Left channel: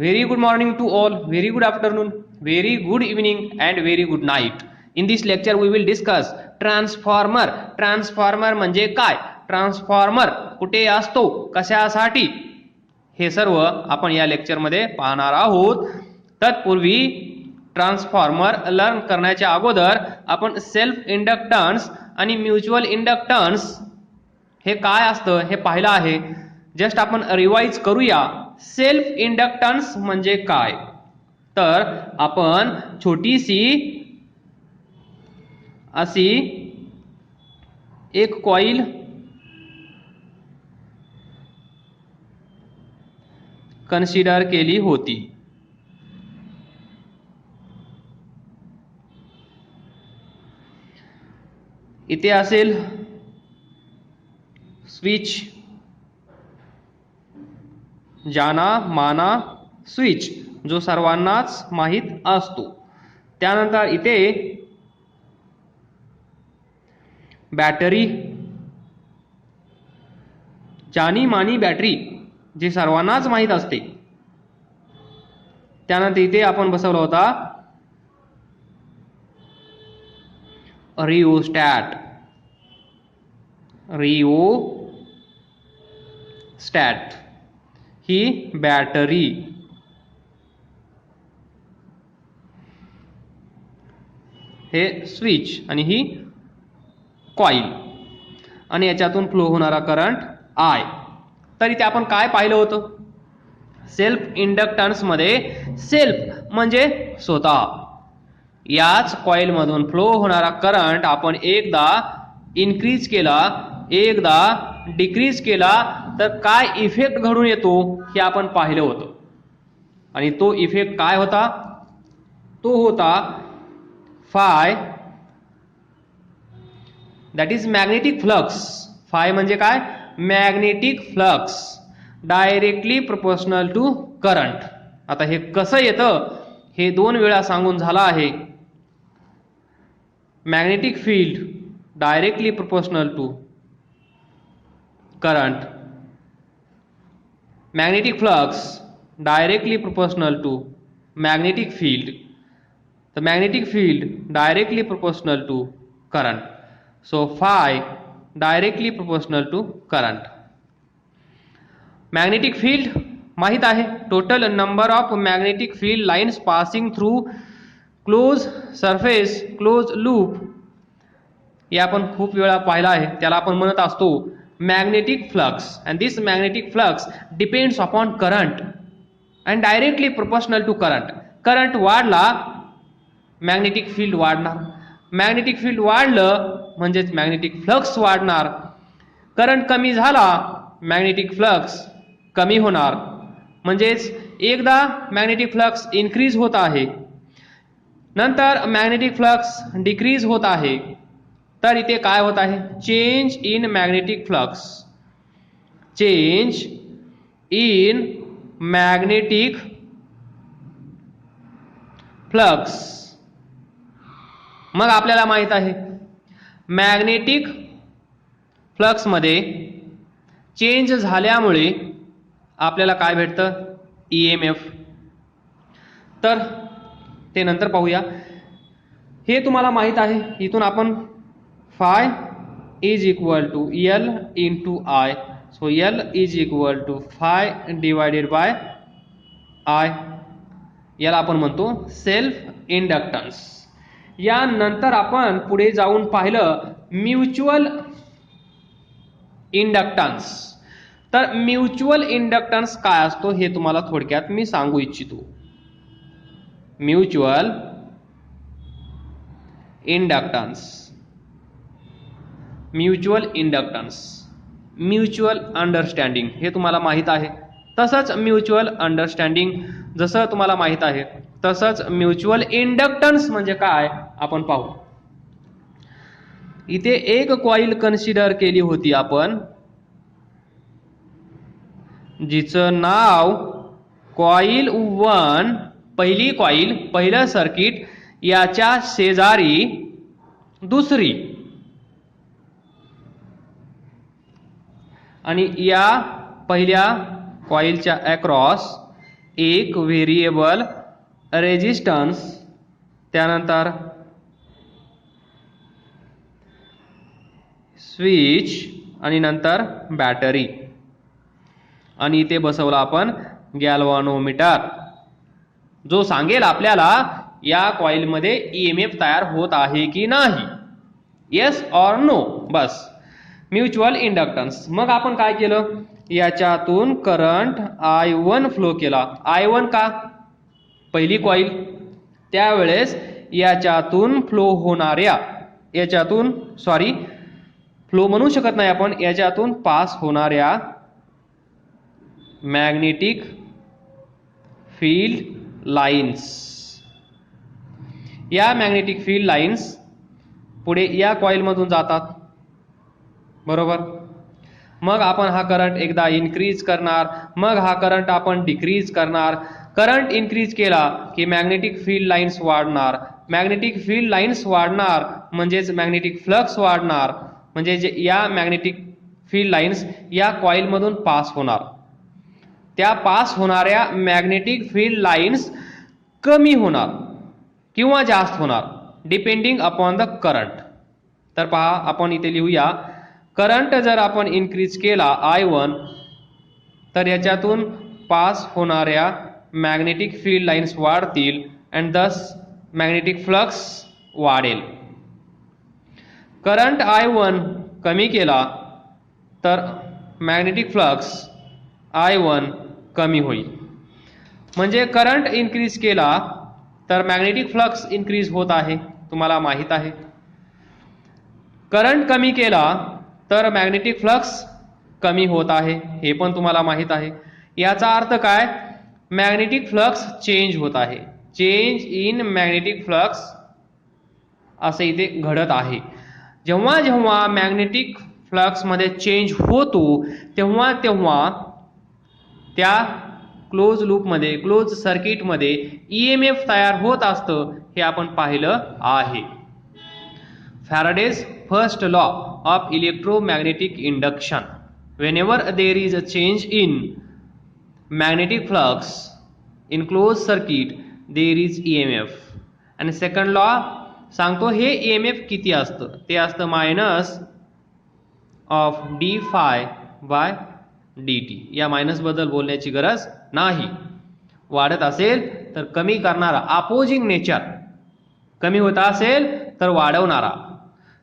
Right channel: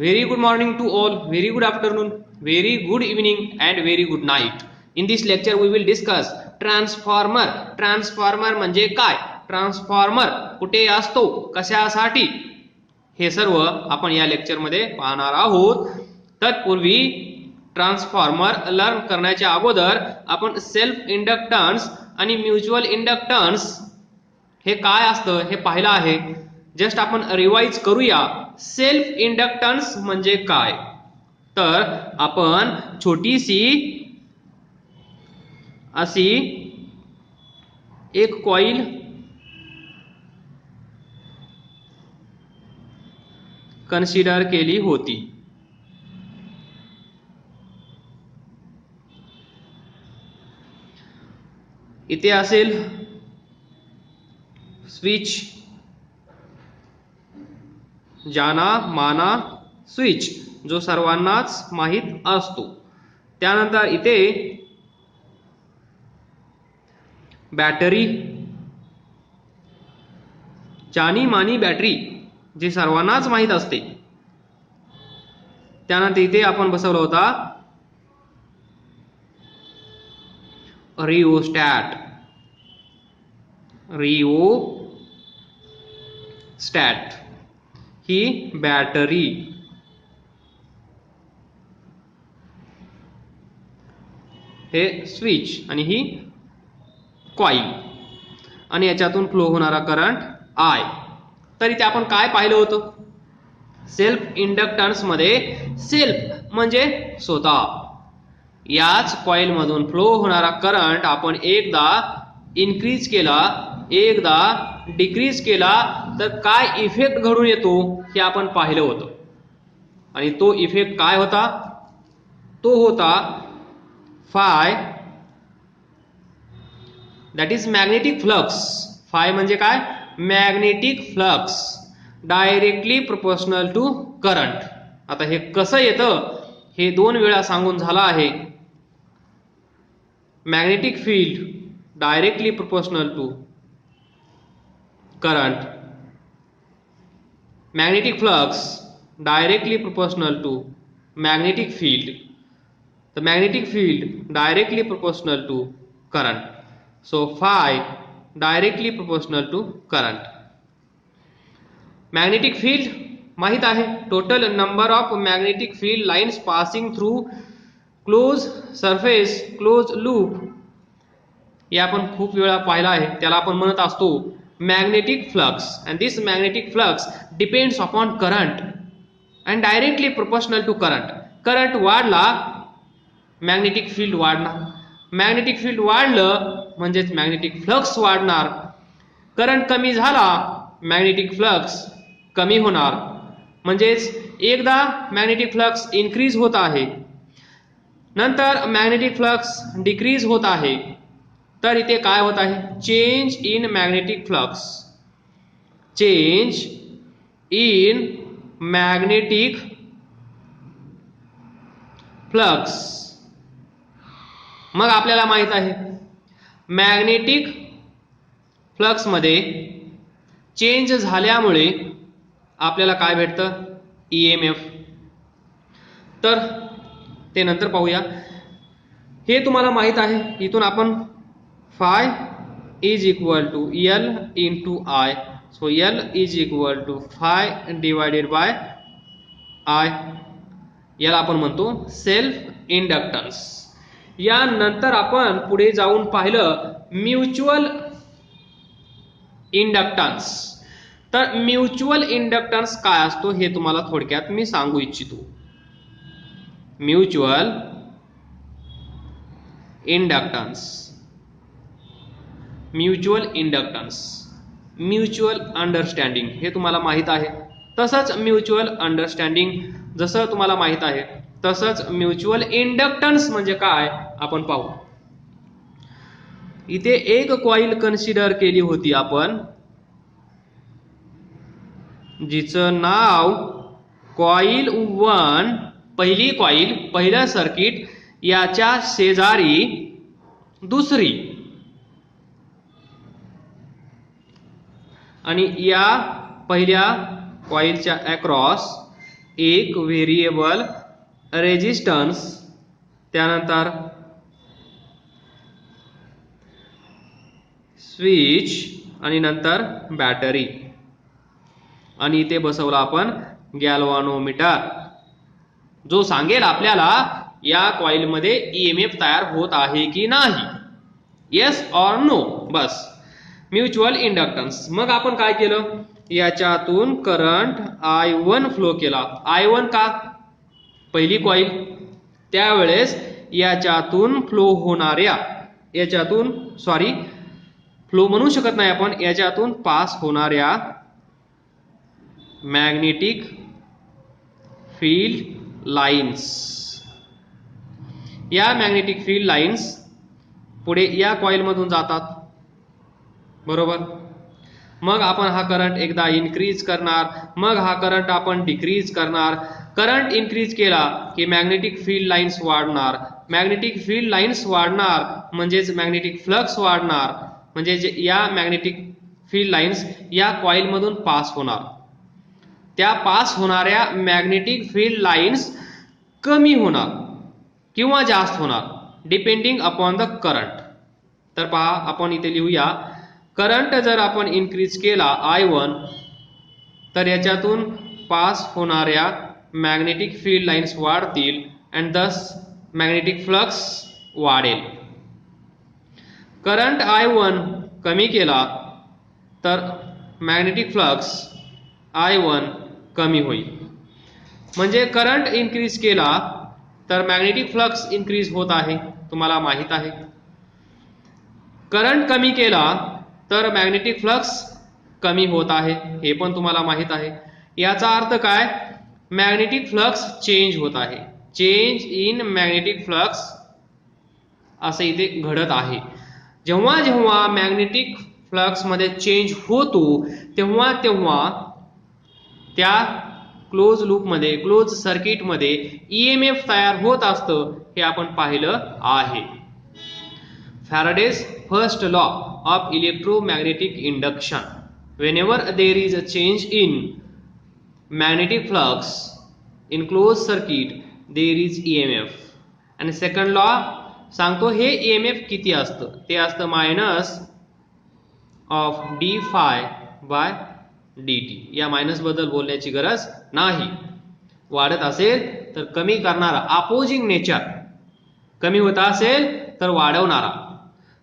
Very good morning to all, very good afternoon, very good evening and very good night. In this lecture we will discuss transformer. Transformer म्हणजे काय, transformer कुठे असतो, कशासाठी, हे सर्व आपण या लेक्चरमध्ये पाहणार आहोत. तत्पूर्वी ट्रान्सफॉर्मर लर्न करण्याच्या अगोदर आपण सेल्फ इंडक्टन्स आणि म्युच्युअल इंडक्टन्स हे काय असतं हे पाहिलं आहे. जस्ट आपण रिवाइज करूया. सेल्फ इंडक्टन्स म्हणजे काय, तर आपण छोटीशी अशी एक कॉइल कन्सिडर केली होती. इथे असेल स्विच, जाना माना स्विच जो सर्वांनाच माहित असतो. त्यानंतर इथे बॅटरी, जानी मानी बॅटरी जी सर्वांनाच माहित असते. त्यानंतर इथे आपण बसवला होता रिओस्टॅट. रिओस्टॅट ही बॅटरी, हे स्विच आणि ही कॉइल आणि याच्यातून फ्लो होणारा करंट आय. तर इथे आपण काय पाहिलं होतं, सेल्फ इंडक्टन्स मध्ये सेल्फ म्हणजे स्वतः, याच कॉइल मधून फ्लो होणारा करंट आपण एकदा इन्क्रीज केला, एकदा डिक्रीज केला तर काय इफेक्ट घडून येतो हे आपण पाहिलं होतं. आणि तो इफेक्ट काय होता, तो होता phi, that is magnetic flux. Phi म्हणजे काय, magnetic flux directly proportional to current. आता हे कसं येतं हे दोन वेळा सांगून झाला आहे. Magnetic field directly proportional to current, magnetic flux directly proportional to magnetic field, the magnetic field directly proportional to current, so phi directly proportional to current. magnetic field माहित आहे, total number of magnetic field lines passing through closed surface closed loop, हे आपण खूप वेळा पाहिला आहे. त्याला आपण म्हणत असतो magnetic flux, and this magnetic flux depends upon current and directly proportional to current. Current वाढला मॅग्नेटिक फील्ड वाढणार, मॅग्नेटिक फील्ड वाढलं म्हणजेच मॅग्नेटिक फ्लक्स वाढणार. करंट कमी झाला मॅग्नेटिक फ्लक्स कमी होणार. म्हणजेच एकदा मॅग्नेटिक फ्लक्स इन्क्रीज होत आहे, नंतर मॅग्नेटिक फ्लक्स डिक्रीज होत आहे. तर इथे काय होत आहे, change in magnetic flux, change in magnetic flux. मग आपल्याला माहित आहे मॅग्नेटिक फ्लक्स मध्ये चेंज झाल्यामुळे आपल्याला काय भेटतं, ईएमएफ. तर ते नंतर पाहूया. हे तुम्हाला माहित आहे. इथून आपण phi is equal to L into I, so L is equal to phi divided by I, याला आपण म्हणतो सेल्फ इंडक्टन्स. यानंतर आपण पुढे जाऊन पाहिलं म्युच्युअल इंडक्टन्स. तर म्युच्युअल इंडक्टन्स काय असतो हे तुम्हाला थोडक्यात मी सांगू इच्छितो. Mutual inductance, mutual inductance, mutual understanding हे तुम्हाला माहित आहे. तसंच म्युच्युअल अंडरस्टँडिंग जसं तुम्हाला माहित आहे तसंच म्युच्युअल इंडक्टन्स म्हणजे काय आपण पाहू. इथे एक कॉइल कन्सिडर केली होती आपण, जिचं नाव कॉइल 1, पहिली कॉइल, पहिलं सर्किट, याच्या शेजारी दुसरी, आणि या पहिल्या कॉइलच्या अक्रॉस एक व्हेरिएबल रेजिस्टन्स, त्यानंतर स्विच आणि नंतर बॅटरी, आणि इथे बसवला आपण गॅल्व्हॅनोमीटर, जो सांगेल आपल्याला या कॉइलमध्ये ईएमएफ तयार होत आहे की नाही, येस ऑर नो. बस म्युच्युअल इंडक्टन्स. मग आपण काय केलं, याच्यातून करंट I1 फ्लो केला. I1 का, पहिली कॉइल, त्यावेळेस याच्यातून फ्लो होणाऱ्या, याच्यातून सॉरी फ्लो म्हणू शकत नाही आपण, याच्यातून पास होणाऱ्या मॅग्नेटिक फील्ड लाइन्स, या मॅग्नेटिक फील्ड लाइन्स पुढे या कॉइल मधून जातात, बरोबर. मग आपण हा करंट एकदा इन्क्रीज करणार, मग हा करंट आपण डिक्रीज करणार. करंट इन्क्रीज केला की मॅग्नेटिक फील्ड लाइन्स वाढणार, मॅग्नेटिक फील्ड लाइन्स वाढणार म्हणजेच मॅग्नेटिक फ्लक्स वाढणार, म्हणजे या मॅग्नेटिक फील्ड लाइन्स या कॉइल मधून पास होणार. त्या पास होणाऱ्या मॅग्नेटिक फील्ड लाइन्स कमी होणार किंवा जास्त होणार डिपेंडिंग अपॉन द करंट. तर पहा आपण इथे लिहूया, करंट जर आपण इन्क्रीज केला I1 तर याच्यातून पास होणाऱ्या मॅग्नेटिक फील्ड लाइन्स वाढतील अँड दस मॅग्नेटिक फ्लक्स वाढेल. करंट I1 कमी केला तर मॅग्नेटिक फ्लक्स I1 कमी होईल. म्हणजे करंट इन्क्रीज केला तर मॅग्नेटिक फ्लक्स इन्क्रीज होत आहे, तुम्हाला माहित आहे. करंट कमी केला तर मॅग्नेटिक फ्लक्स कमी होत आहे, हे पण तुम्हाला माहित आहे. याचा अर्थ काय, मॅग्नेटिक फ्लक्स चेंज होत आहे, चेंज इन मॅग्नेटिक फ्लक्स असे इथे घडत आहे. जेव्हा जेव्हा मॅग्नेटिक फ्लक्स मध्ये चेंज होतो तेव्हा तेव्हा त्या क्लोज लूप मध्ये, क्लोज सर्किट मध्ये ईएमएफ तयार होत असतं, हे आपण पाहिलं आहे. Faraday's first law of electromagnetic induction, whenever there is a change in magnetic flux in closed circuit there is EMF. आणि सेकंड लॉ सांगतो हे EMF किती असतं, ते असतं minus of d phi by dt. या मायनस बद्दल बोलण्याची गरज नाही. वाढत असेल तर कमी करणारा, अपोजिंग नेचर, कमी होत असेल तर वाढवणारा.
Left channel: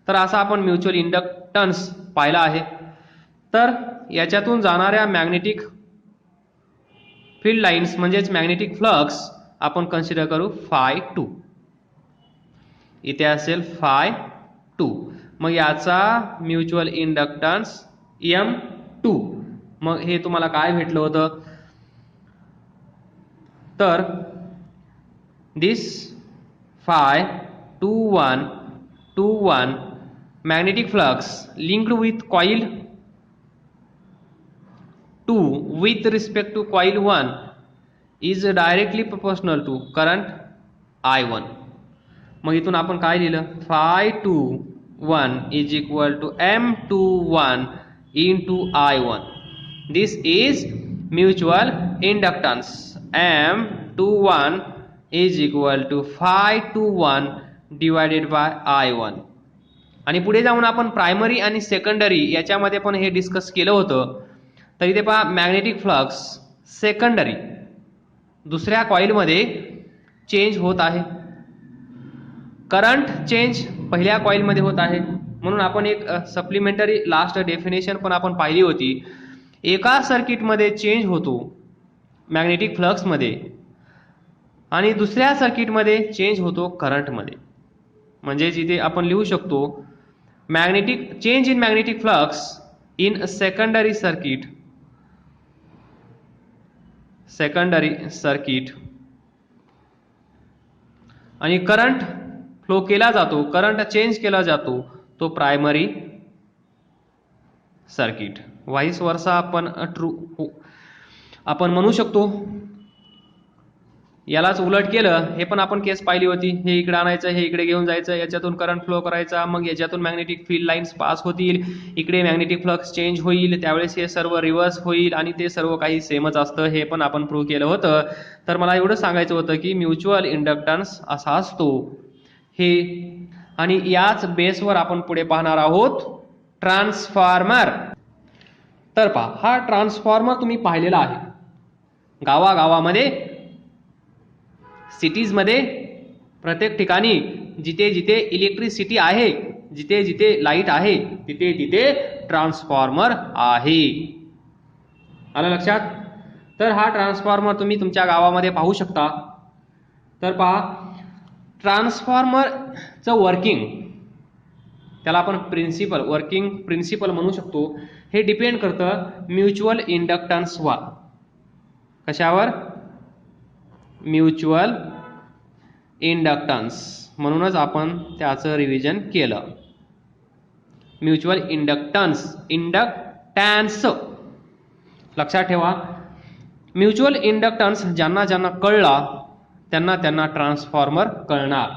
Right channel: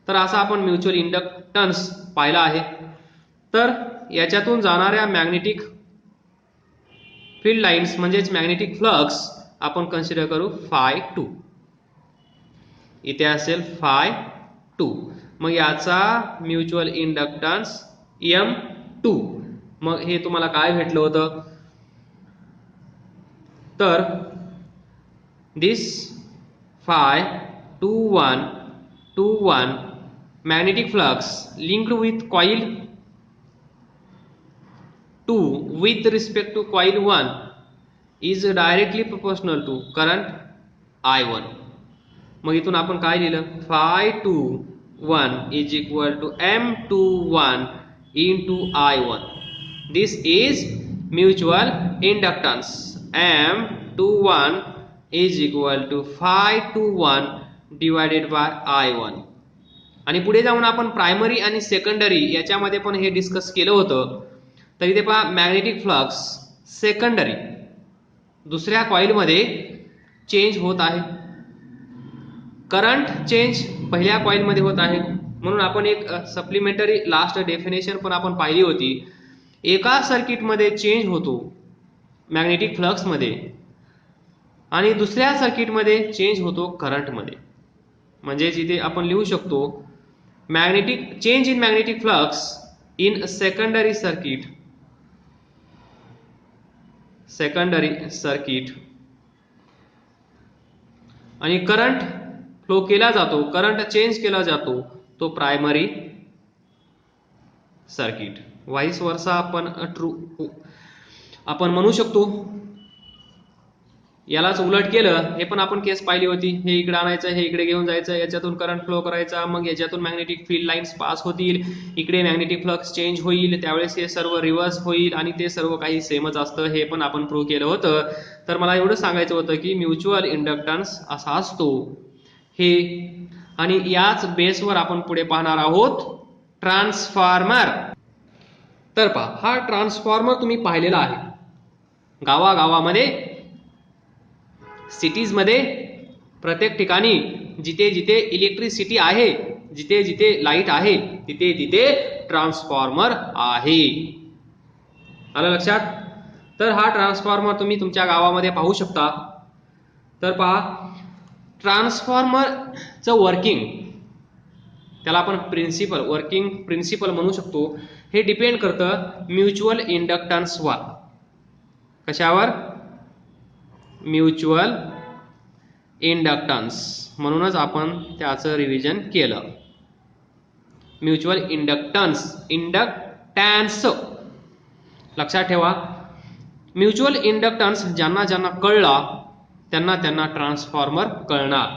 तर असा आपण म्युच्युअल इंडक्टन्स पाहिला आहे. तर याच्यातून जाणाऱ्या मॅग्नेटिक फील्ड लाइन्स म्हणजेच मॅग्नेटिक फ्लक्स आपण कन्सिडर करू φ2. इथे असेल φ2. मग याचा म्युच्युअल इंडक्टन्स M2. मग हे तुम्हाला काय भेटलं होतं, तर दिस φ21 magnetic flux linked with coil 2 with respect to coil 1 is directly proportional to current I1. मग इथून आपण काय लिहिलं, φ21 is equal to M21 into I1. This is mutual inductance. M21 is equal to φ21 divided by I1. आणि पुढे जाऊन आपण primary आणि सेकंडरी याच्यामध्ये पण हे डिस्कस केलं होतं. तर इथे पहा, मॅग्नेटिक फ्लक्स सेकंडरी दुसऱ्या कॉइलमध्ये चेंज होत आहे, करंट चेंज पहिल्या कॉइलमध्ये होत आहे. म्हणून आपण एक सप्लिमेंटरी लास्ट डेफिनेशन पण आपण पाहिली होती. एका सर्किटमध्ये चेंज होतो मॅग्नेटिक फ्लक्समध्ये आणि दुसऱ्या सर्किटमध्ये चेंज होतो करंटमध्ये. म्हणजेच इथे आपण लिहू शकतो magnetic change in magnetic flux in a secondary circuit आणि करंट फ्लो केला जातो, करंट चेंज केला जातो तो प्रायमरी सर्किट. व्हाईस वर्सा आपण ट्रू आपण म्हणू शकतो. यालाच उलट केलं, हे पण आपण केस पाहिली होती. हे इकडे आणायचं, हे इकडे घेऊन जायचं, याच्यातून करंट फ्लो करायचा, मग याच्यातून मॅग्नेटिक फील्ड लाईन्स पास होतील, इकडे मॅग्नेटिक फ्लक्स चेंज होईल, त्यावेळेस हे सर्व रिव्हर्स होईल आणि ते सर्व काही सेमच असतं. हे पण आपण प्रूव्ह केलं होतं. तर मला एवढं सांगायचं होतं की म्युच्युअल इंडक्टन्स असा असतो हे, आणि याच बेसवर आपण पुढे पाहणार आहोत ट्रान्सफॉर्मर. तर पहा, हा ट्रान्सफॉर्मर तुम्ही पाहिलेला आहे गावागावामध्ये, सिटीजमध्ये, प्रत्येक ठिकाणी जिथे जिथे इलेक्ट्रिसिटी आहे, जिथे जिथे लाईट आहे, तिथे तिथे ट्रान्सफॉर्मर आहे. आलं लक्षात? तर हा ट्रान्सफॉर्मर तुम्ही तुमच्या गावामध्ये पाहू शकता. तर पहा, ट्रान्सफॉर्मरचं वर्किंग, त्याला आपण वर्किंग प्रिन्सिपल म्हणू शकतो. हे डिपेंड करतं म्युच्युअल इंडक्टन्सवर. कशावर? Mutual inductance. म्हणूनच आपण त्याचं रिव्हिजन केलं. म्युच्युअल इंडक्टन्स लक्षात ठेवा. म्युच्युअल इंडक्टन्स ज्यांना ज्यांना कळला त्यांना त्यांना ट्रान्सफॉर्मर कळणार.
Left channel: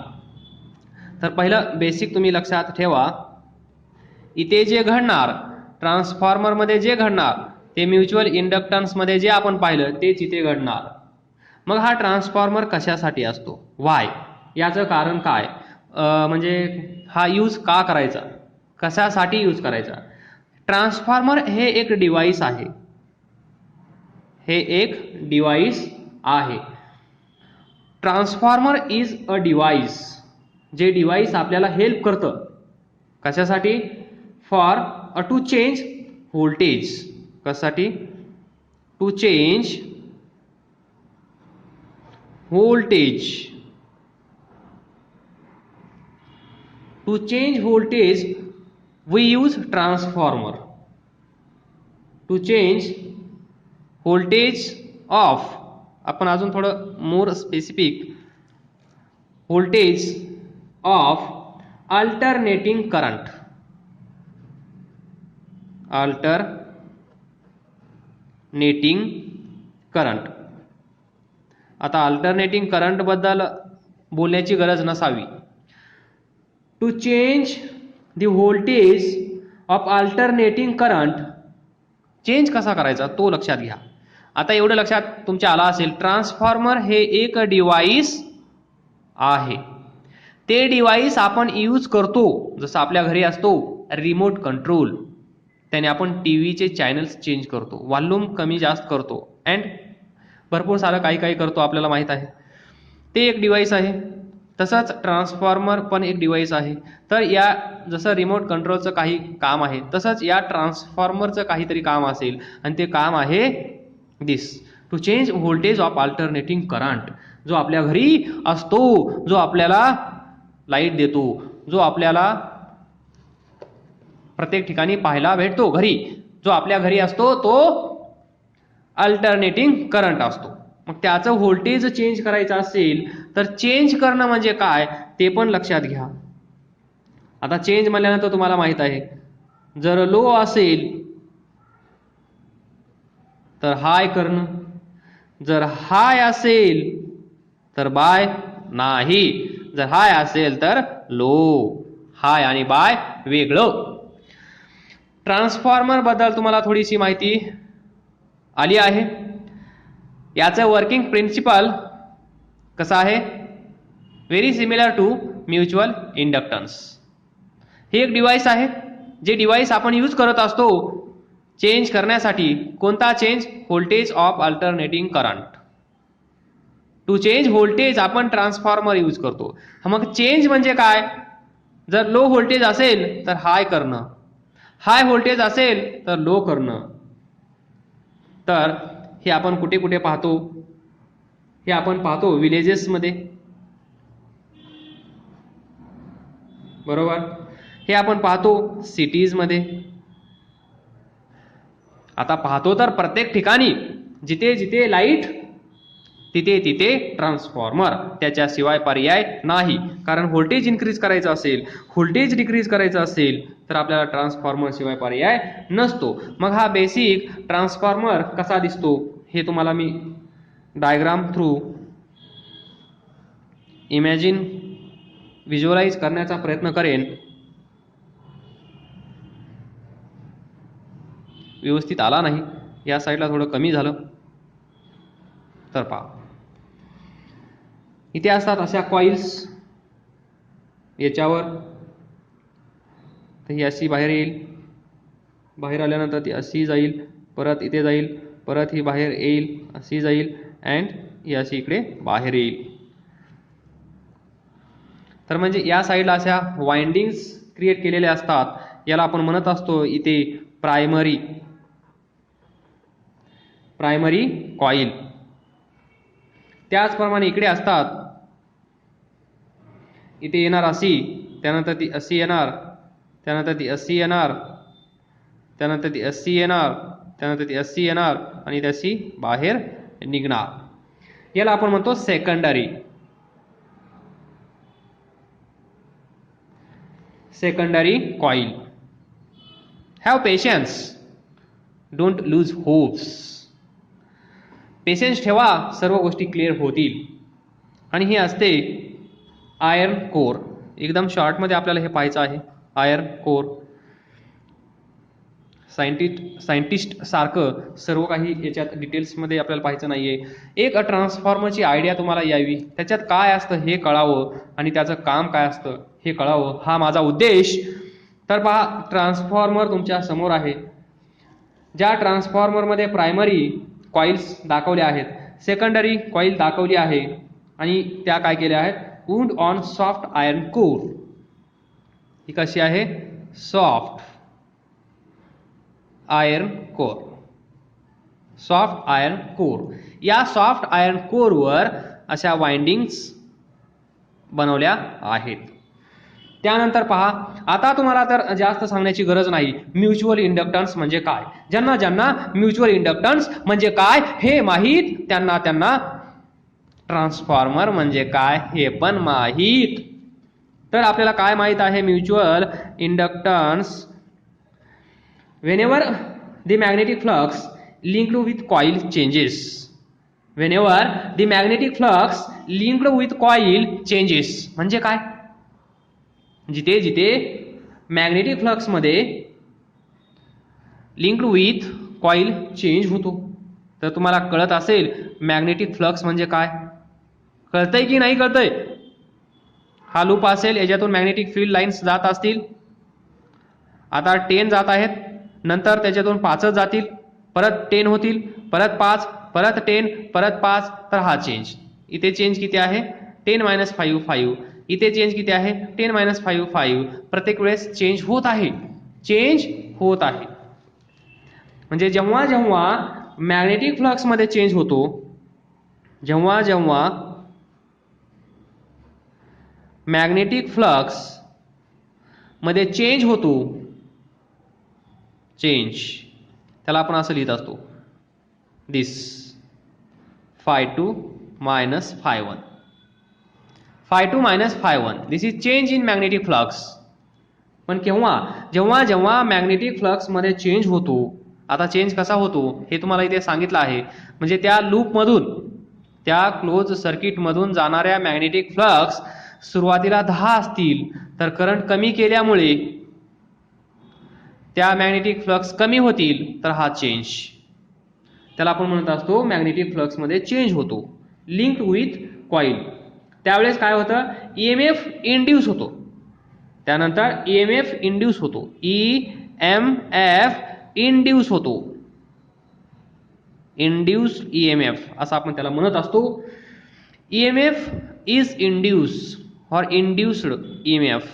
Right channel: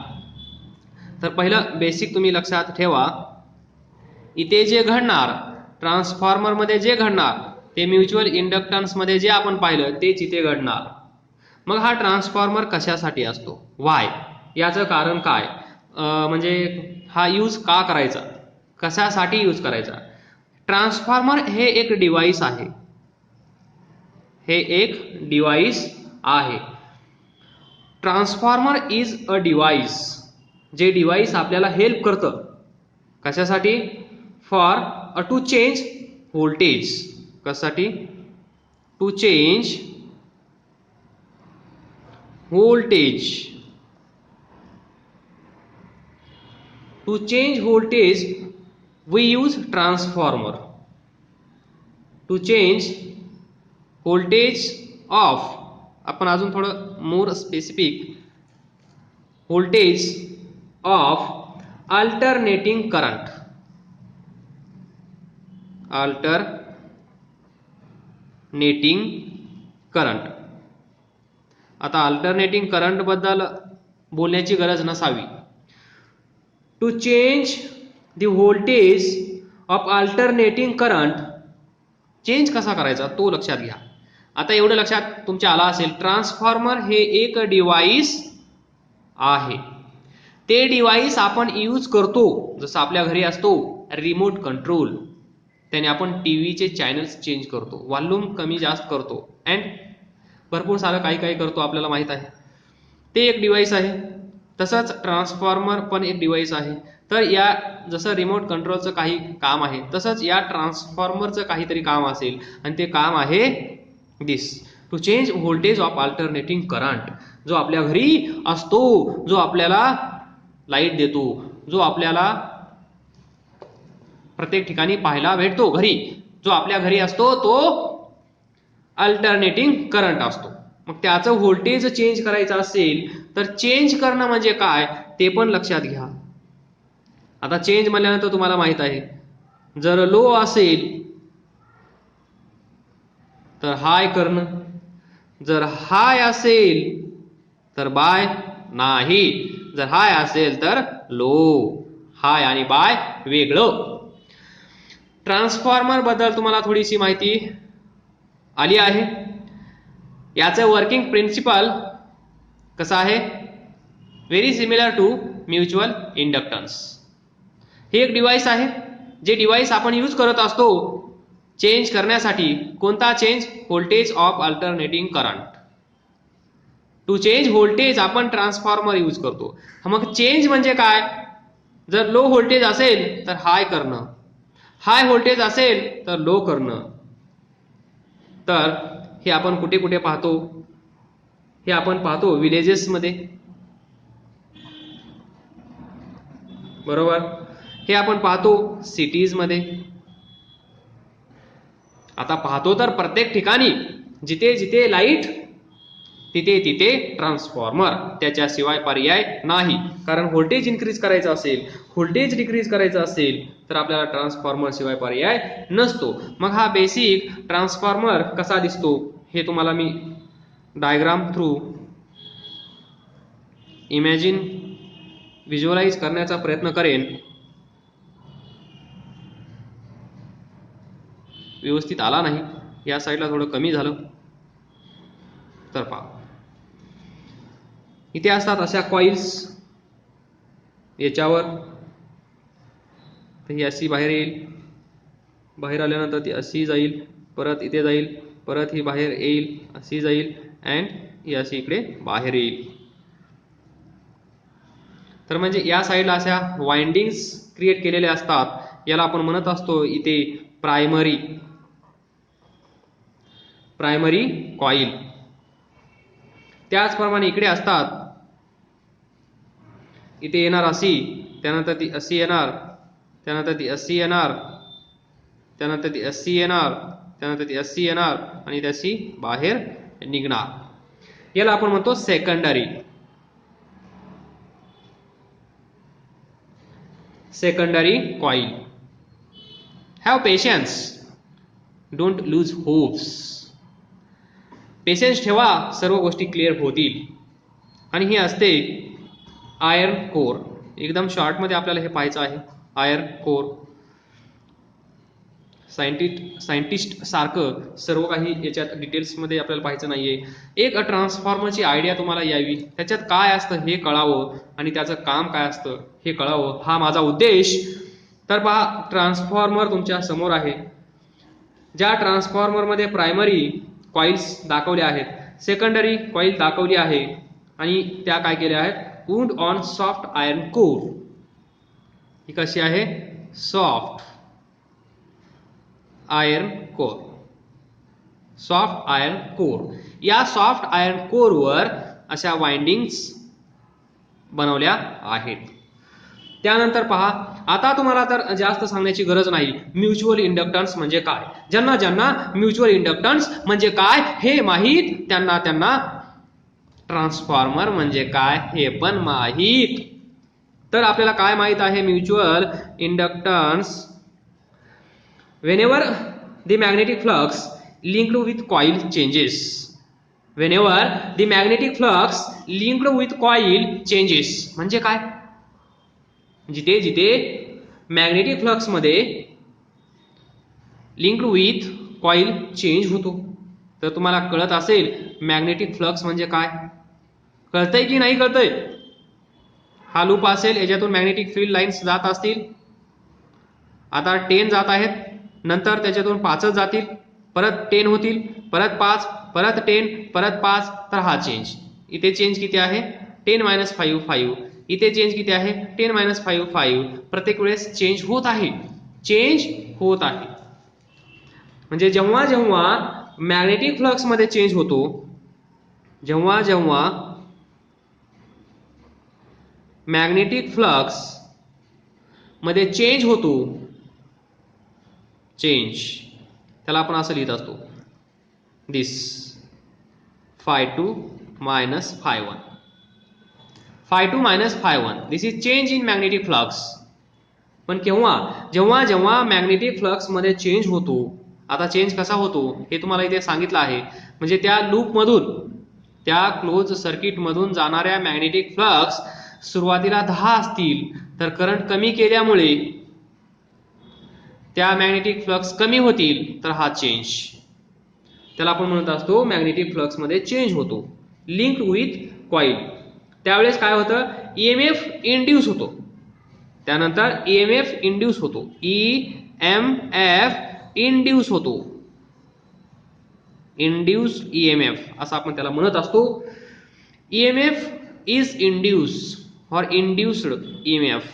तर पहिलं बेसिक तुम्ही लक्षात ठेवा, इथे जे घडणार ट्रान्सफॉर्मरमध्ये जे घडणार ते म्युच्युअल इंडक्टन्समध्ये जे आपण पाहिलं तेच इथे घडणार. मग हा ट्रान्सफॉर्मर कशासाठी असतो, वाय, याचं कारण काय, म्हणजे हा यूज का करायचा, कशासाठी यूज करायचा. ट्रान्सफॉर्मर हे एक डिव्हाइस आहे. हे एक डिव्हाइस आहे. Transformer is a device. जे डिव्हाइस आपल्याला हेल्प करतं कशासाठी, फॉर टू चेंज व्होल्टेज. कशासाठी? To change voltage. To change voltage we use transformer. To change voltage of, आपण अजून थोडं more specific, voltage of alternating current. alternating current. आता alternating current बद्दल बोलण्याची गरज नसावी. To change the voltage of alternating current, change कसा करायचा तो लक्षात घ्या. आता एवढं लक्षात तुमच्या आला असेल, ट्रान्सफॉर्मर हे एक डिव्हाइस आहे. ते डिव्हाइस आपण यूज करतो, जसं आपल्या घरी असतो रिमोट कंट्रोल, त्याने आपण टीव्हीचे चॅनल्स चेंज करतो, व्हॉल्यूम कमी जास्त करतो, अँड भरपूर सारं काही काही करतो, आपल्याला माहित आहे. ते एक डिव्हाइस आहे. तसंच ट्रान्सफॉर्मर पण एक डिव्हाइस आहे. तर या जसं रिमोट कंट्रोलचं काही काम आहे तसंच या ट्रान्सफॉर्मरचं काहीतरी काम असेल, आणि ते काम आहे this, to change voltage of alternating current. जो आपल्या घरी असतो, जो आपल्याला लाईट देतो, जो आपल्याला प्रत्येक ठिकाणी पाहायला भेटतो घरी, जो आपल्या घरी असतो तो अल्टरनेटिंग करंट असतो. मग त्याचं व्होल्टेज चेंज करायचं असेल तर चेंज करणं म्हणजे काय ते पण लक्षात घ्या. आता चेंज म्हणल्यानंतर तुम्हाला माहित आहे, जर लो असेल तर हाय करणं, जर हाय असेल तर बाय नाही, जर हाय असेल तर लो. हाय आणि बाय वेगळं. ट्रान्सफॉर्मर बद्दल तुम्हाला थोडीशी माहिती आली आहे. याचं वर्किंग प्रिन्सिपल कसं आहे, very similar to mutual inductance. हे एक डिव्हाइस आहे, जे डिव्हाइस आपण यूज करत असतो चेंज करण्यासाठी. कोणता change? Voltage of alternating current. To change voltage आपण ट्रान्सफॉर्मर यूज करतो. मग चेंज म्हणजे काय? जर लो व्होल्टेज असेल तर हाय करणं, हाय व्होल्टेज असेल तर लो करणं. तर हे आपण कुठे कुठे पाहतो? हे आपण पाहतो विलेजेसमध्ये, बरोबर. हे आपण पाहतो सिटीजमध्ये. आता पाहतो तर प्रत्येक ठिकाणी जिथे जिथे लाईट तिथे तिथे ट्रान्सफॉर्मर, त्याच्याशिवाय पर्याय नाही. कारण व्होल्टेज इन्क्रीज करायचं असेल, व्होल्टेज डिक्रीज करायचं असेल तर आपल्याला ट्रान्सफॉर्मर शिवाय पर्याय नसतो. मग हा बेसिक ट्रान्सफॉर्मर कसा दिसतो हे तुम्हाला मी डायग्राम थ्रू इमॅजिन व्हिज्युअलाइज करण्याचा प्रयत्न करेन. व्यवस्थित आला नाही, या साईडला थोडं कमी झालं. तर पहा, इथे असतात अशा कॉइल्स याच्यावर. ही अशी बाहेर येईल, बाहेर आल्यानंतर ती अशी जाईल, परत इथे जाईल, परत ही बाहेर येईल, अशी जाईल अँड ही अशी इकडे बाहेर येईल. तर म्हणजे या साईडला अशा वाइंडिंग्स क्रिएट केलेल्या असतात. याला आपण म्हणत असतो इथे प्रायमरी कॉइल. त्याचप्रमाणे इकडे असतात, इथे येणार अशी, त्यानंतर ती अशी येणार, त्यानंतर ती अशी येणार, त्यानंतर ती अशी येणार, त्यानंतर ती अशी येणार आणि तशी बाहेर निघणार. याला आपण म्हणतो secondary coil. Have patience, don't lose hopes. Patience ठेवा, सर्व गोष्टी क्लिअर होतील. आणि ही असते आयर्न कोर. एकदम शॉर्टमध्ये आपल्याला हे पाहायचं आहे. आयर्न कोर, सायंटिस्ट सारखं सर्व काही याच्यात डिटेल्समध्ये आपल्याला पाहायचं नाहीये. एक ट्रान्सफॉर्मरची आयडिया तुम्हाला यावी, त्याच्यात काय असतं हे कळावं आणि त्याचं काम काय असतं हे कळावं, हा माझा उद्देश. तर पहा, ट्रान्सफॉर्मर तुमच्या समोर आहे. ज्या ट्रान्सफॉर्मरमध्ये प्रायमरी कॉइल्स दाखवल्या आहेत, सेकंडरी कॉइल दाखवली आहे आणि त्या काय केल्या आहेत, wound on soft iron core. ही कशी आहे, soft iron core. Soft iron core, या सॉफ्ट आयर्न कोरवर अशा वाइंडिंग्स बनवल्या आहेत. त्यानंतर पहा, आता तुम्हाला तर जास्त सांगण्याची गरज नाही, म्युच्युअल इंडक्टन्स म्हणजे काय. ज्यांना ज्यांना म्युच्युअल इंडक्टन्स म्हणजे काय हे माहीत, त्यांना ट्रान्सफॉर्मर म्हणजे काय हे पण माहीत. तर आपल्याला काय माहीत आहे, mutual inductance, whenever the magnetic flux linked with coil changes. Whenever the magnetic flux linked with coil changes. म्हणजे काय, जिथे जिथे मॅग्नेटिक फ्लक्स मध्ये लिंक्ड विथ कॉइल चेंज होतो. तर तुम्हाला कळत असेल मॅग्नेटिक फ्लक्स म्हणजे काय, कळतंय की नाही कळतंय. हा लूप असेल, याच्यातून मॅग्नेटिक फील्ड लाईन्स जात असतील. आता 10 जात आहेत, नंतर त्याच्यातून 5 जातील, परत 10 होतील, परत 5, परत 10, परत 5. तर हा चेंज, इथे चेंज किती आहे, 10 - 5 5. इथे चेंज किती आहे, 10 - 5 5. प्रत्येक वेळेस चेंज होत आहे, चेंज होत आहे. म्हणजे जेव्हा जेव्हा मॅग्नेटिक फ्लक्स मध्ये चेंज होतो, जेव्हा जेव्हा मॅग्नेटिक फ्लक्स मध्ये चेंज होतो, चेंज, त्याला आपण असं लिहित असतो, दिस phi2 - phi1. phi2 - phi1, this is change in magnetic flux. पण केव्हा, जेव्हा जेव्हा मॅग्नेटिक फ्लक्स मध्ये चेंज होतो. आता चेंज कसा होतो हे तुम्हाला इथे सांगितलं आहे. म्हणजे त्या लूप मधून, त्या क्लोज सर्किट मधून जाणाऱ्या मॅग्नेटिक फ्लक्स सुरुवातीला 10 असतील, तर करंट कमी केल्यामुळे त्या मॅग्नेटिक फ्लक्स कमी होतील, तर हा चेंज, त्याला आपण म्हणत असतो मॅग्नेटिक फ्लक्स मध्ये चेंज होतो, लिंक्ड विथ कॉइल. त्यावेळेस काय होतं, ईएमएफ इंड्यूस होतो. त्यानंतर ईएमएफ इंड्यूस होतो, ईएमएफ इंड्यूस होतो, इंड्यूस ईएमएफ असं आपण त्याला म्हणत असतो. EMF is induce or induced EMF,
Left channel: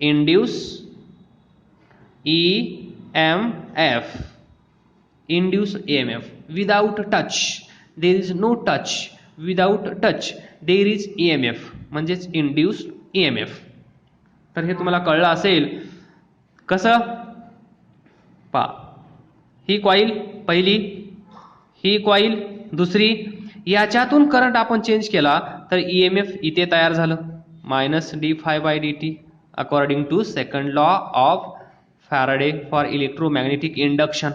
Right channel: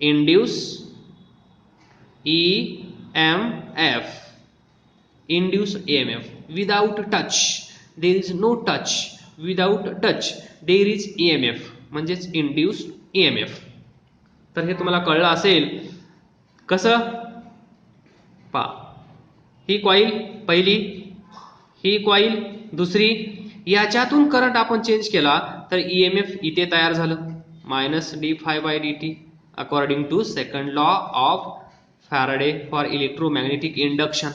induce EMF, induce EMF. Without touch there is no touch, without touch there is EMF, म्हणजेच induced EMF. तर हे तुम्हाला कळलं असेल. कसं पहा, ही कॉइल पहिली, ही कॉइल दुसरी, याच्यातून करंट आपण चेंज केला तर ईएमएफ इथे तयार झालं, -d∅dt according to second law of Faraday for electromagnetic induction.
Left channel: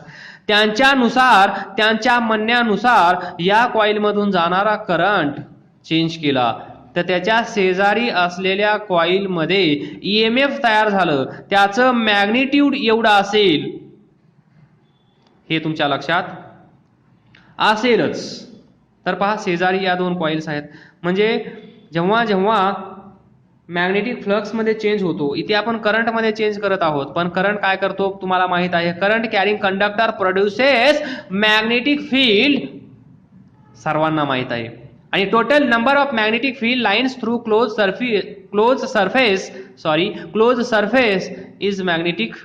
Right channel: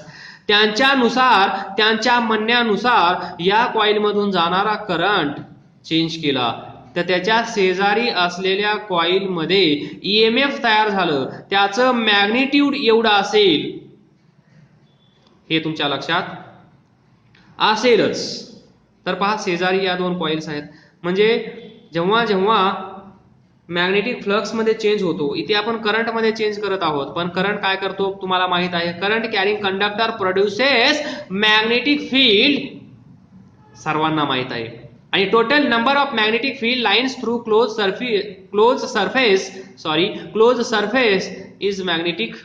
त्यांच्यानुसार, त्यांच्या म्हणण्यानुसार या कॉइल मधून जाणारा करंट चेंज केला तर त्याच्या शेजारी असलेल्या कॉइलमध्ये EMF तयार झालं, त्याचं मॅग्निट्यूड एवढं असेल, हे तुमच्या लक्षात असेलच. तर पहा शेजारी या दोन कॉइल्स आहेत, म्हणजे जेव्हा जेव्हा मॅग्नेटिक फ्लक्स मध्ये चेंज होतो, इथे आपण करंट मध्ये चेंज करत आहोत, पण करंट काय करतो तुम्हाला माहित आहे, current carrying conductor produces magnetic field, सर्वांना माहित आहे. आणि total number of magnetic field lines through close surface is magnetic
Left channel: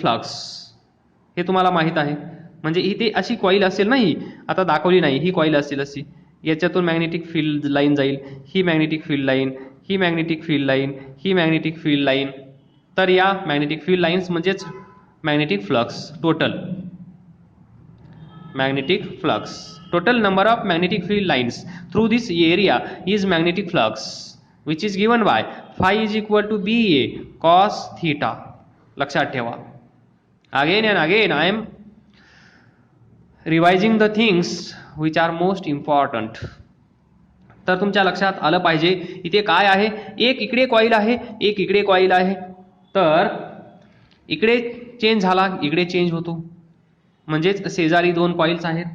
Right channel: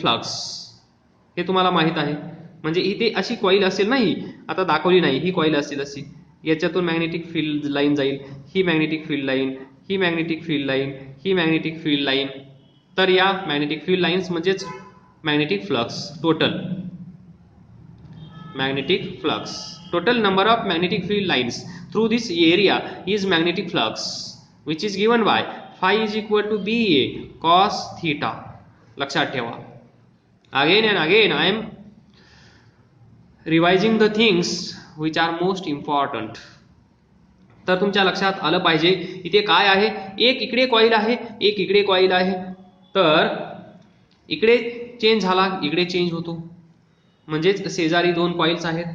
flux, हे तुम्हाला माहित आहे. म्हणजे इथे अशी कॉईल असेल नाही, आता दाखवली नाही, ही कॉईल असेल अशी, याच्यातून मॅग्नेटिक फील्ड लाईन जाईल, ही मॅग्नेटिक फील्ड लाईन, ही मॅग्नेटिक फील्ड लाईन, ही मॅग्नेटिक फील्ड लाईन. तर या मॅग्नेटिक फील्ड लाईन्स म्हणजेच magnetic flux. Total number of magnetic field lines through this area is magnetic flux, which is given by phi is equal to BA cos theta. लक्षात ठेवा. Again and again I am revising the things which are most important. तर तुमच्या लक्षात आलं पाहिजे इथे काय आहे, एक इकडे कॉईल आहे, एक इकडे कॉईल आहे. तर इकडे चेंज झाला, इकडे चेंज होतो, म्हणजेच शेजारी दोन कॉइल्स आहेत.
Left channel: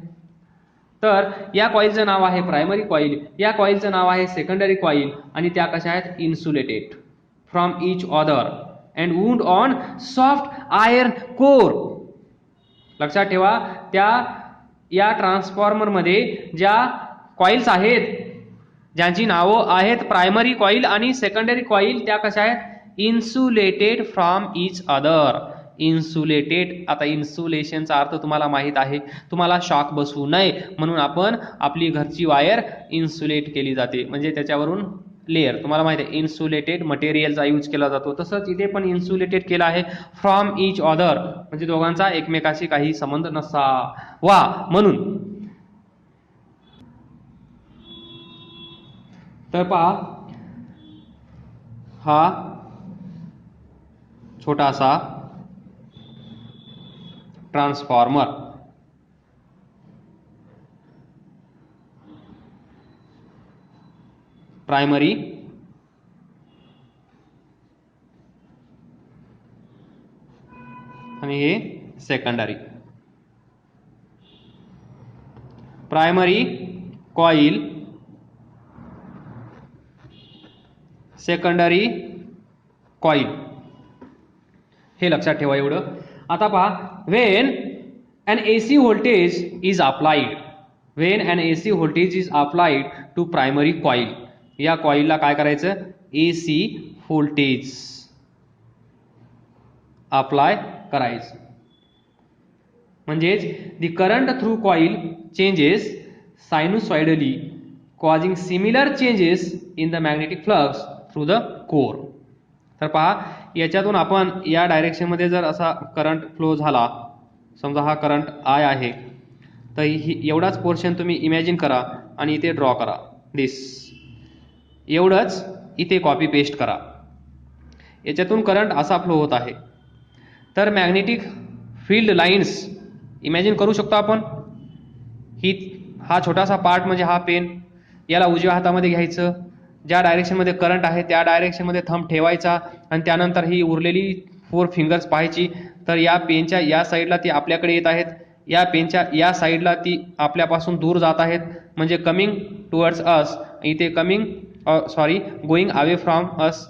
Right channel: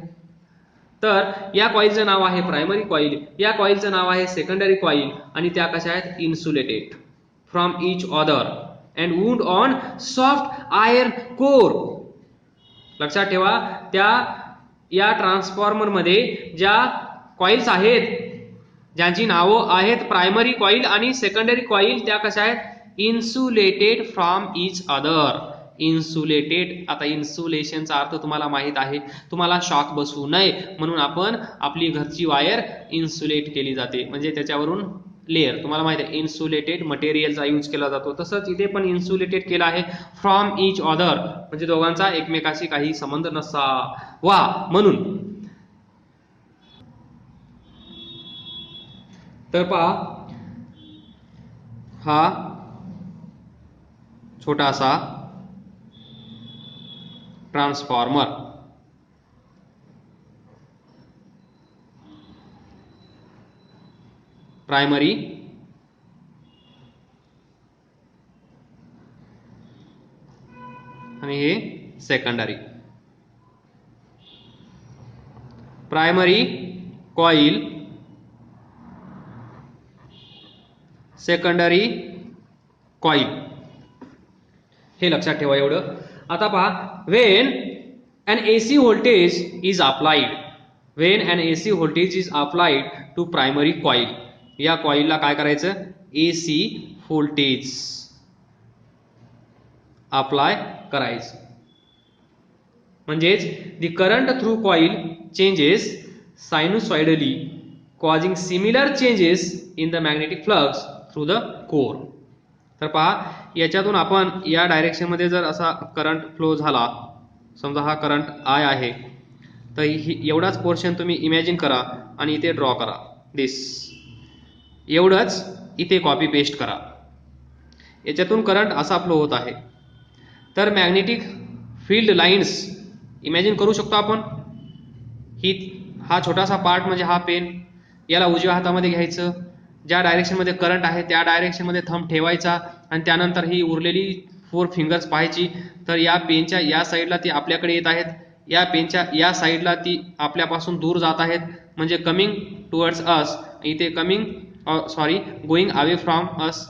तर या कॉइलचं नाव आहे प्रायमरी कॉइल, या कॉइलचं नाव आहे सेकंडरी कॉइल, आणि त्या कशा आहेत, insulated from each other and wound on soft iron core. लक्षात ठेवा, त्या या ट्रान्सफॉर्मर मध्ये ज्या कॉइल्स आहेत, ज्यांची नावं आहेत प्रायमरी कॉइल आणि सेकंडरी कॉइल, त्या कशा आहेत, insulated from each other. Insulated, आता इन्सुलेशनचा अर्थ तुम्हाला माहित आहे, तुम्हाला शॉक बसू नये म्हणून आपण आपली घरची वायर इन्सुलेट केली जाते, म्हणजे त्याच्यावरून लेअर, तुम्हाला माहित आहे इन्सुलेटेड मटेरियलचा यूज केला जातो. तसंच इथे पण इन्सुलेटेड केला आहे फ्रॉम इच अदर, म्हणजे दोघांचा एकमेकाशी काही संबंध नसावा म्हणून. तर पहा, हा छोटासा ट्रान्सफॉर्मर, प्रायमरी आणि हे secondary. Primary coil, secondary coil, हे लक्षात ठेवा एवढं. आता पहा, when an AC voltage is applied to primary coil, या कॉइलला काय करायचं, AC व्होल्टेज अप्लाय करायचं, म्हणजेच the current through coil changes sinusoidally causing similar changes in the magnetic flux through the core. तर पहा, याच्यातून आपण या डायरेक्शन मध्ये जर असा करंट फ्लो झाला, समजा हा करंट I आहे, तर एवढाच पोर्शन तुम्ही इमॅजिन करा आणि इथे ड्रॉ करा, दिस एवढंच इथे कॉपी पेस्ट करा. याच्यातून करंट असा फ्लो होत आहे. तर मॅग्नेटिक फील्ड लाईन्स इमॅजिन करू शकतो आपण. हा छोटासा पार्ट म्हणजे हा पेन, याला उजव्या हातामध्ये घ्यायचं, ज्या डायरेक्शनमध्ये करंट आहे त्या डायरेक्शनमध्ये थंब ठेवायचा, आणि त्यानंतर ही उरलेली 4 फिंगर्स पाहायची. तर या पेनच्या या साईडला ती आपल्याकडे येत आहेत, या पेनच्या या साईडला ती आपल्यापासून दूर जात आहेत, म्हणजे कमिंग टुवर्ड्स अस, इथे गोइंग अवे फ्रॉम अस,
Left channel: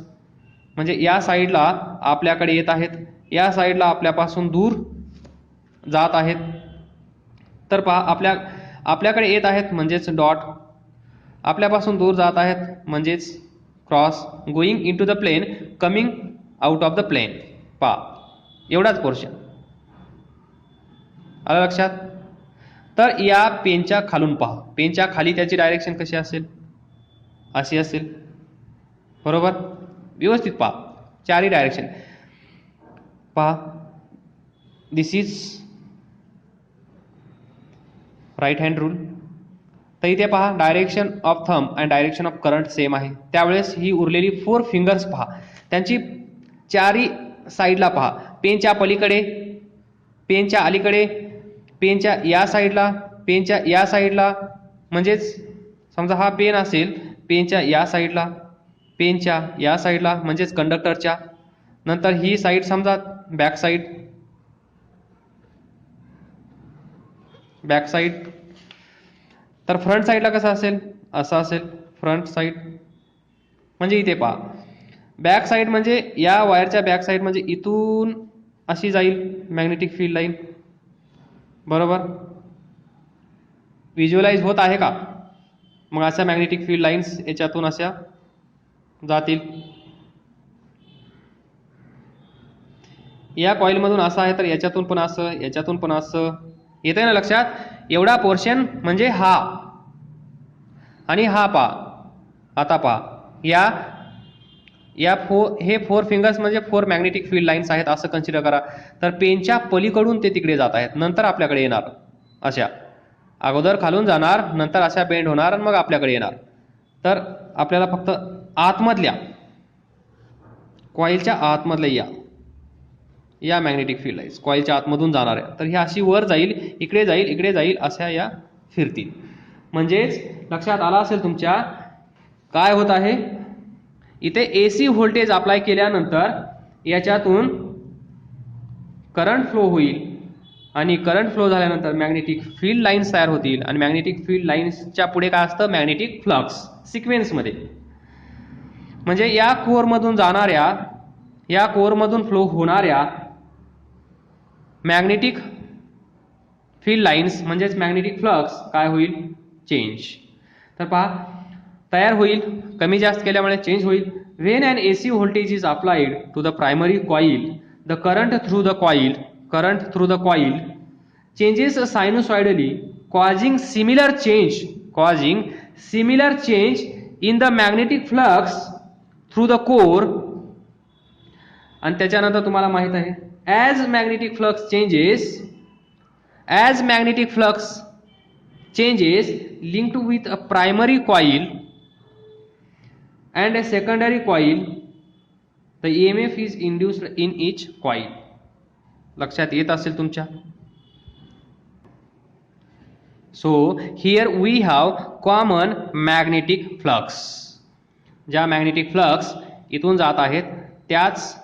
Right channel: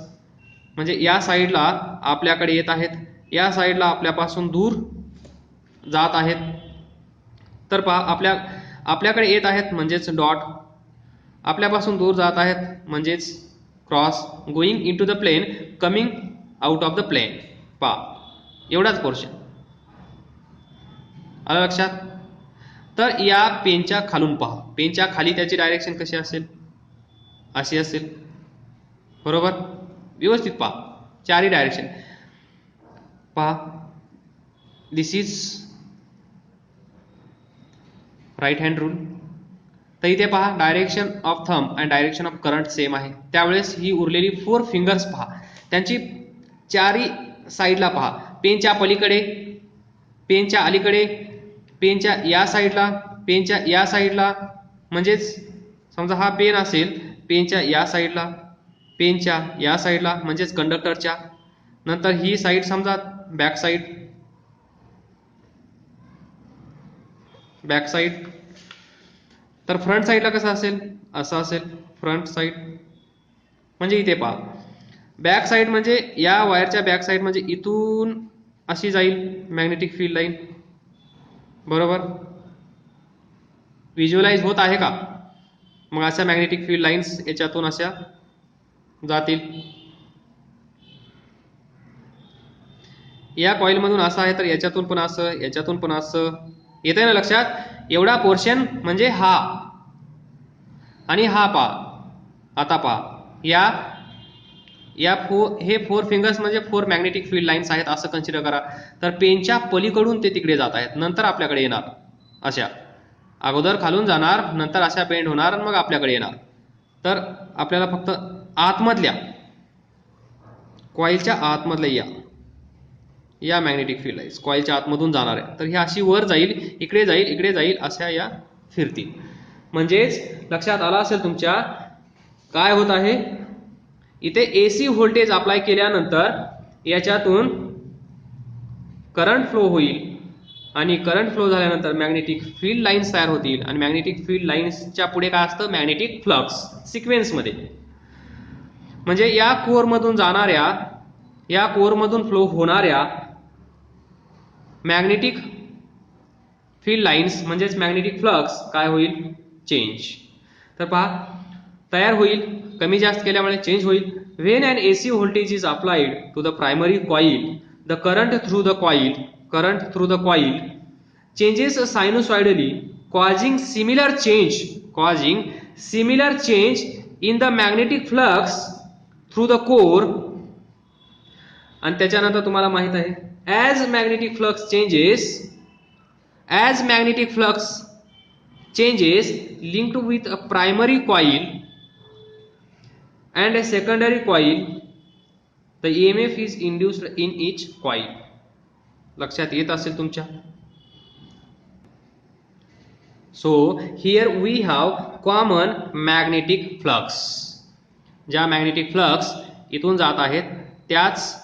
म्हणजे या साईडला आपल्याकडे येत आहेत, या साईडला आपल्यापासून दूर जात आहेत. तर पहा, आपल्याकडे येत आहेत म्हणजेच डॉट, आपल्यापासून दूर जात आहेत म्हणजेच cross, going in to the plane, coming out of the plane. पहा, एवढाच पोर्शन आलं लक्षात. तर या पेनच्या खालून पहा, पेनच्या खाली त्याची डायरेक्शन कशी असेल, अशी असेल, बरोबर. व्यवस्थित पहा, चारही डायरेक्शन पहा. दिस इज राईट हँड रूल. तर इथे पहा, डायरेक्शन ऑफ थंब आणि डायरेक्शन ऑफ करंट सेम आहे. त्यावेळेस ही उरलेली 4 फिंगर्स पहा, त्यांची चारही साईडला पहा, पेनच्या पलीकडे, पेनच्या अलीकडे, पेनच्या या साईडला, पेनच्या या साईडला, म्हणजेच समजा हा पेन असेल, पेनच्या या साईडला, पेनच्या या साईडला म्हणजेच कंडक्टरच्या, नंतर ही साईड समजा बॅक साईड, बॅक साईड. तर फ्रंट साईडला कसं असेल, असं असेल फ्रंट साईड. म्हणजे इथे पहा, बॅक साईड म्हणजे या वायरच्या बॅक साईड म्हणजे इथून अशी जाईल मॅग्नेटिक फील्ड लाईन. बरोबर, व्हिज्युअलाइज होत आहे का? मग अशा मॅग्नेटिक फील्ड लाईन्स याच्यातून अशा जातील. या कॉइलमधून असं आहे तर याच्यातून पण असं, याच्यातून पण असं. येतंय ना लक्षात? एवढा पोर्शन म्हणजे हा आणि हा पहा. आता पहा, या हे 4 फिंगर्स म्हणजे 4 मॅग्नेटिक फील्ड लाईन्स आहेत असं कन्सिडर करा. तर पेनच्या पलीकडून ते तिकडे जात आहेत, नंतर आपल्याकडे येणार. अशा अगोदर खालून जाणार, नंतर अशा बेंड होणार आणि मग आपल्याकडे येणार. तर आपल्याला फक्त आतमधल्या कॉइलच्या आतमधल्या या मॅग्नेटिक फील्ड लाईन्स कॉइलच्या आतमधून जाणार आहे. तर ही अशी वर जाईल, इकडे जाईल, इकडे जाईल, अशा या फिरतील. म्हणजेच लक्षात आला असेल तुमच्या काय होत आहे. इथे AC व्होल्टेज अप्लाय केल्यानंतर याच्यातून करंट फ्लो होईल आणि करंट फ्लो झाल्यानंतर मॅग्नेटिक फील्ड लाईन्स तयार होतील आणि मॅग्नेटिक फील्ड लाईन्सच्या पुढे काय असतं, मॅग्नेटिक फ्लक्स सिक्वेन्समध्ये. म्हणजे या कोअरमधून जाणाऱ्या, या कोअरमधून फ्लो होणाऱ्या मॅग्नेटिक फील्ड लाईन्स म्हणजेच मॅग्नेटिक फ्लक्स काय होईल, चेंज. तर पहा तयार होईल, कमी जास्त केल्यामुळे चेंज होईल. When an AC voltage is applied to the primary coil, the current through the coil changes sinusoidally, causing similar change in the magnetic flux through the core. आणि त्याच्यानंतर तुम्हाला माहित आहे, as magnetic flux changes linked with a primary coil and a secondary coil, the EMF is induced in each coil. लक्षात येत असेल तुमच्या. So here we have common magnetic flux. ज्या मॅग्नेटिक फ्लक्स इथून जात आहेत त्याच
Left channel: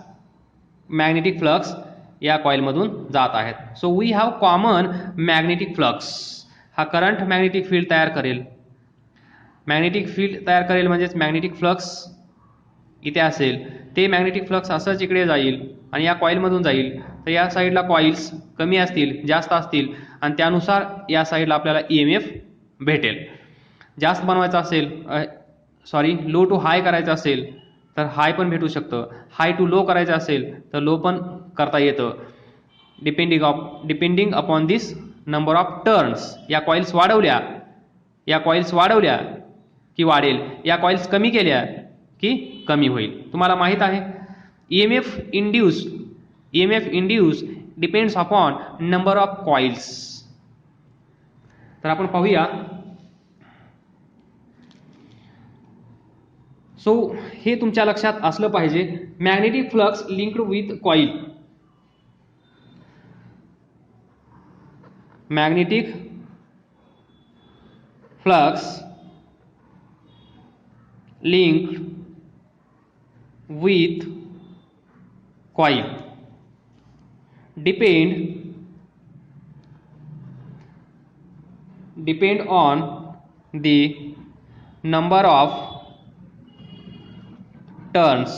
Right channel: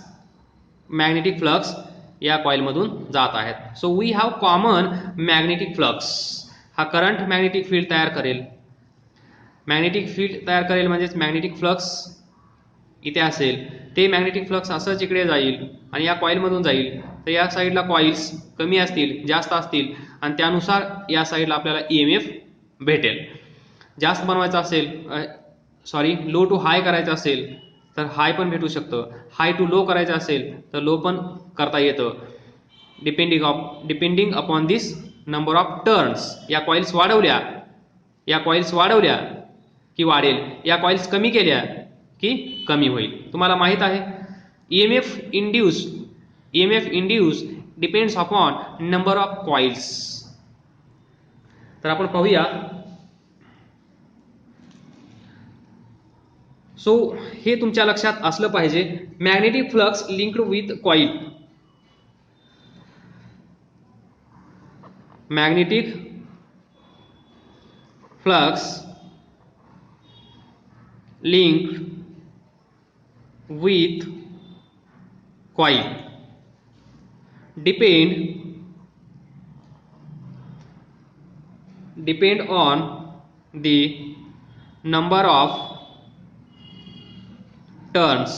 मॅग्नेटिक फ्लक्स या कॉइलमधून जात आहेत. So we have common magnetic flux. हा करंट मॅग्नेटिक फील्ड तयार करेल. मॅग्नेटिक फील्ड तयार करेल म्हणजेच मॅग्नेटिक फ्लक्स इथे असेल, ते मॅग्नेटिक फ्लक्स असंच इकडे जाईल आणि या कॉइलमधून जाईल. तर या साईडला कॉइल्स कमी असतील, जास्त असतील आणि त्यानुसार या साईडला आपल्याला EMF भेटेल. जास्त बनवायचं असेल, लो टू हाय करायचं असेल तर हाय पण भेटू शकतं. हाय टू लो करायचं असेल तर लो पण करता येतं. Depending upon this number of turns. या कॉइल्स वाढवल्या की वाढेल, या कॉइल्स कमी केल्या की कमी होईल. तुम्हाला माहित आहे EMF induce depends upon number of coils. तर आपण पाहूया. सो हे तुमच्या लक्षात असलं पाहिजे. Magnetic flux linked with coil. Magnetic flux linked with coil depend on the number of turns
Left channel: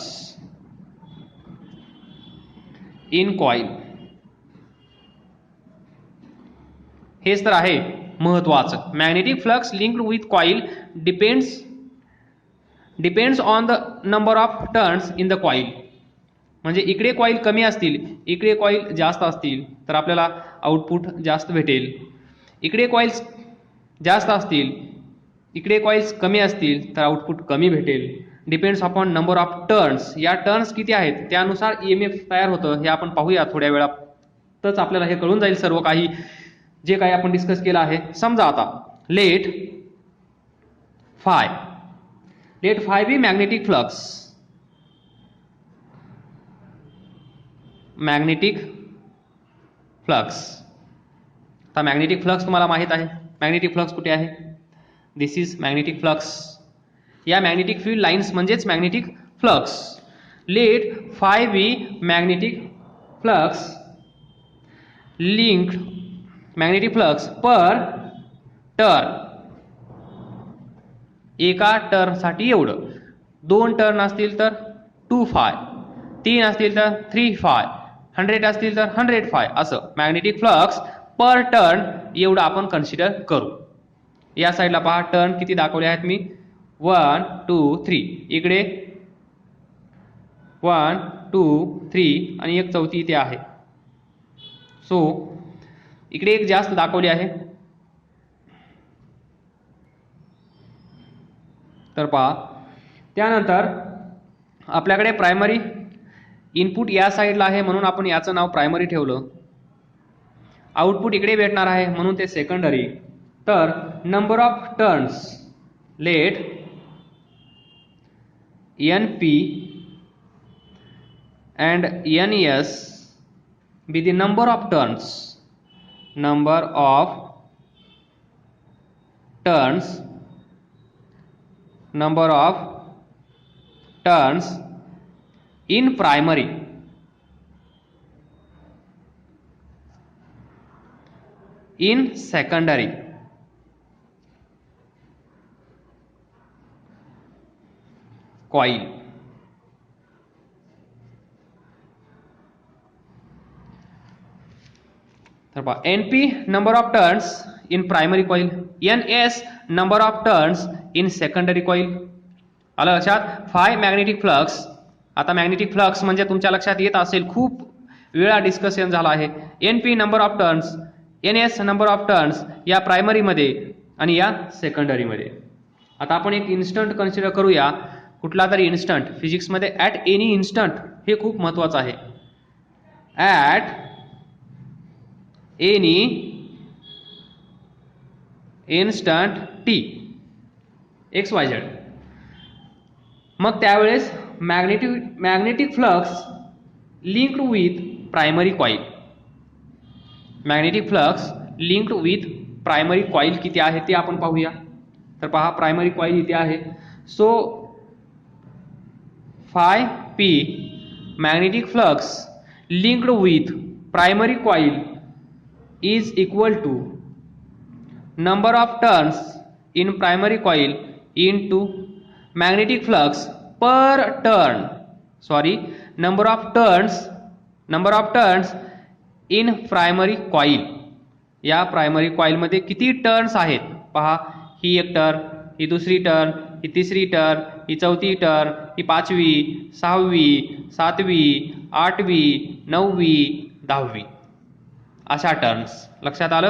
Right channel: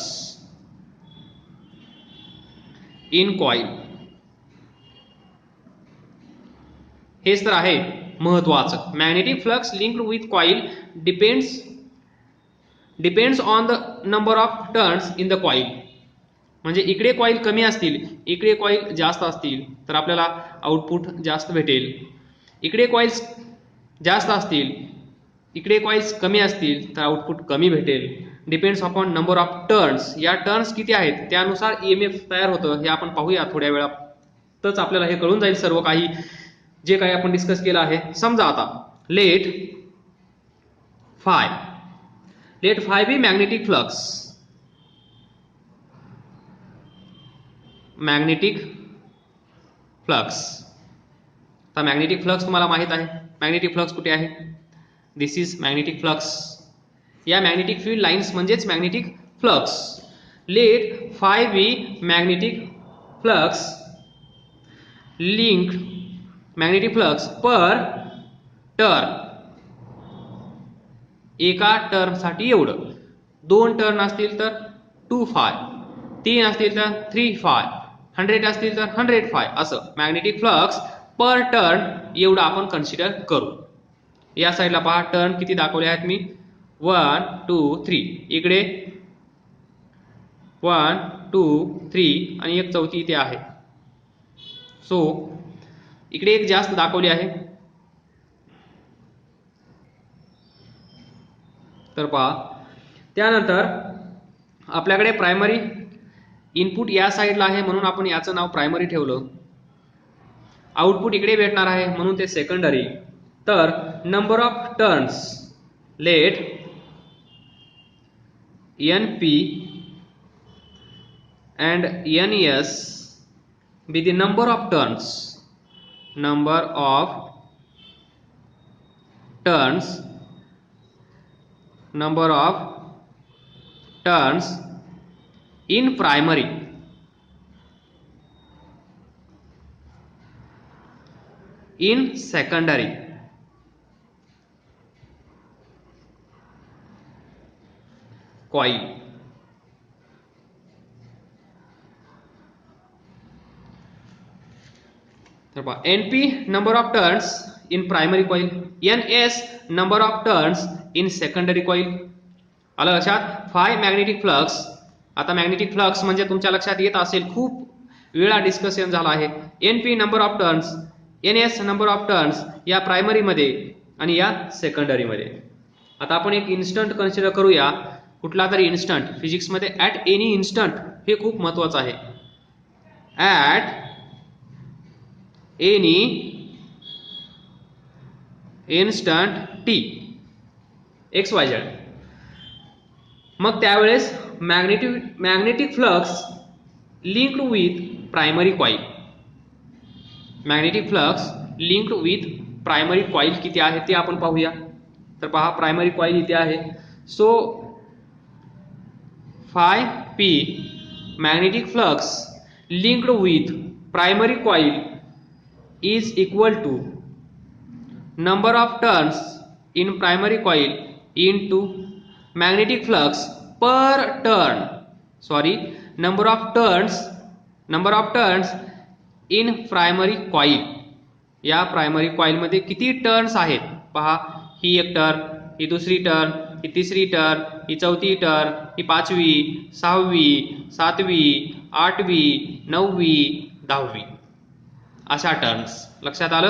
in coil. हेच तर आहे महत्वाचं. Magnetic flux linked with coil depends on the number of turns in the coil. म्हणजे इकडे coil कमी असतील, इकडे coil जास्त असतील तर आपल्याला आउटपुट जास्त भेटेल. इकडे कॉइल्स जास्त असतील, इकडे कॉइल्स कमी असतील तर आउटपुट कमी भेटेल. Depends upon number of turns. या टर्न्स किती आहेत त्यानुसार EMF तयार होतं. हे आपण पाहूया थोड्या वेळातच. आपल्याला हे कळून जाईल सर्व काही जे काही आपण डिस्कस केलं आहे. समजा आता let phi be magnetic flux. तर मॅग्नेटिक फ्लक्स तुम्हाला माहित आहे. मॅग्नेटिक फ्लक्स कुठे आहे, दिस इज मॅग्नेटिक फ्लक्स. या मॅग्नेटिक फील्ड लाईन्स म्हणजेच magnetic flux. Let phi be magnetic flux linked magnetic flux per turn. एका टर्नसाठी एवढं. 2 टर्न असतील तर 2 फाय, 3 असतील तर 3 फाय, 100 असतील तर 100 फाय, असं मॅग्नेटिक फ्लक्स पर टर्न एवढं आपण कन्सिडर करू. या साईडला पहा टर्न किती दाखवले आहेत मी. 1 2 3. इकडे 1 2 3 आणि एक चौथी इथे आहे. सो इकडे एक जास्त दाखवली आहे. तर पहा त्यानंतर आपल्याकडे प्रायमरी इनपुट या साईडला आहे म्हणून आपण याचं नाव प्रायमरी ठेवलं. आउटपुट इकडे भेटणार आहे म्हणून ते सेकंडरी. तर number of turns let NP and NS be the number of turns in primary in secondary coil. NP number of turns in primary coil, NS number of turns in secondary coil. आलं लक्षात. Five magnetic flux. आता magnetic flux म्हणजे तुमच्या लक्षात येत असेल खूप वेळा डिस्कशन झाला आहे. NP number of turns, NS number of turns या प्रायमरी मध्ये आणि या सेकंडरी मध्ये. आता आपण एक इन्स्टंट कन्सिडर करूया. कुठला तरी इन्स्टंट फिजिक्स मध्ये ऍट एनी इन्स्टंट हे खूप महत्वाचं आहे. At any instant T XYZ. मग त्यावेळेस magnetic flux linked with primary coil. Magnetic flux linked with primary coil किती आहे ते आपण पाहूया. तर पहा प्रायमरी कॉइल इथे आहे. So five P magnetic flux linked with primary coil is equal to number of turns in primary coil into magnetic flux per turn. Number of turns in primary coil. या primary coil मध्ये किती turns आहेत पहा. ही एक turn, ही दुसरी turn, ही तिसरी turn, ही चौथी turn, ही 5वी, 6वी, 7वी, 8वी, 9वी, 10वी अशा टर्न्स. लक्षात आलं.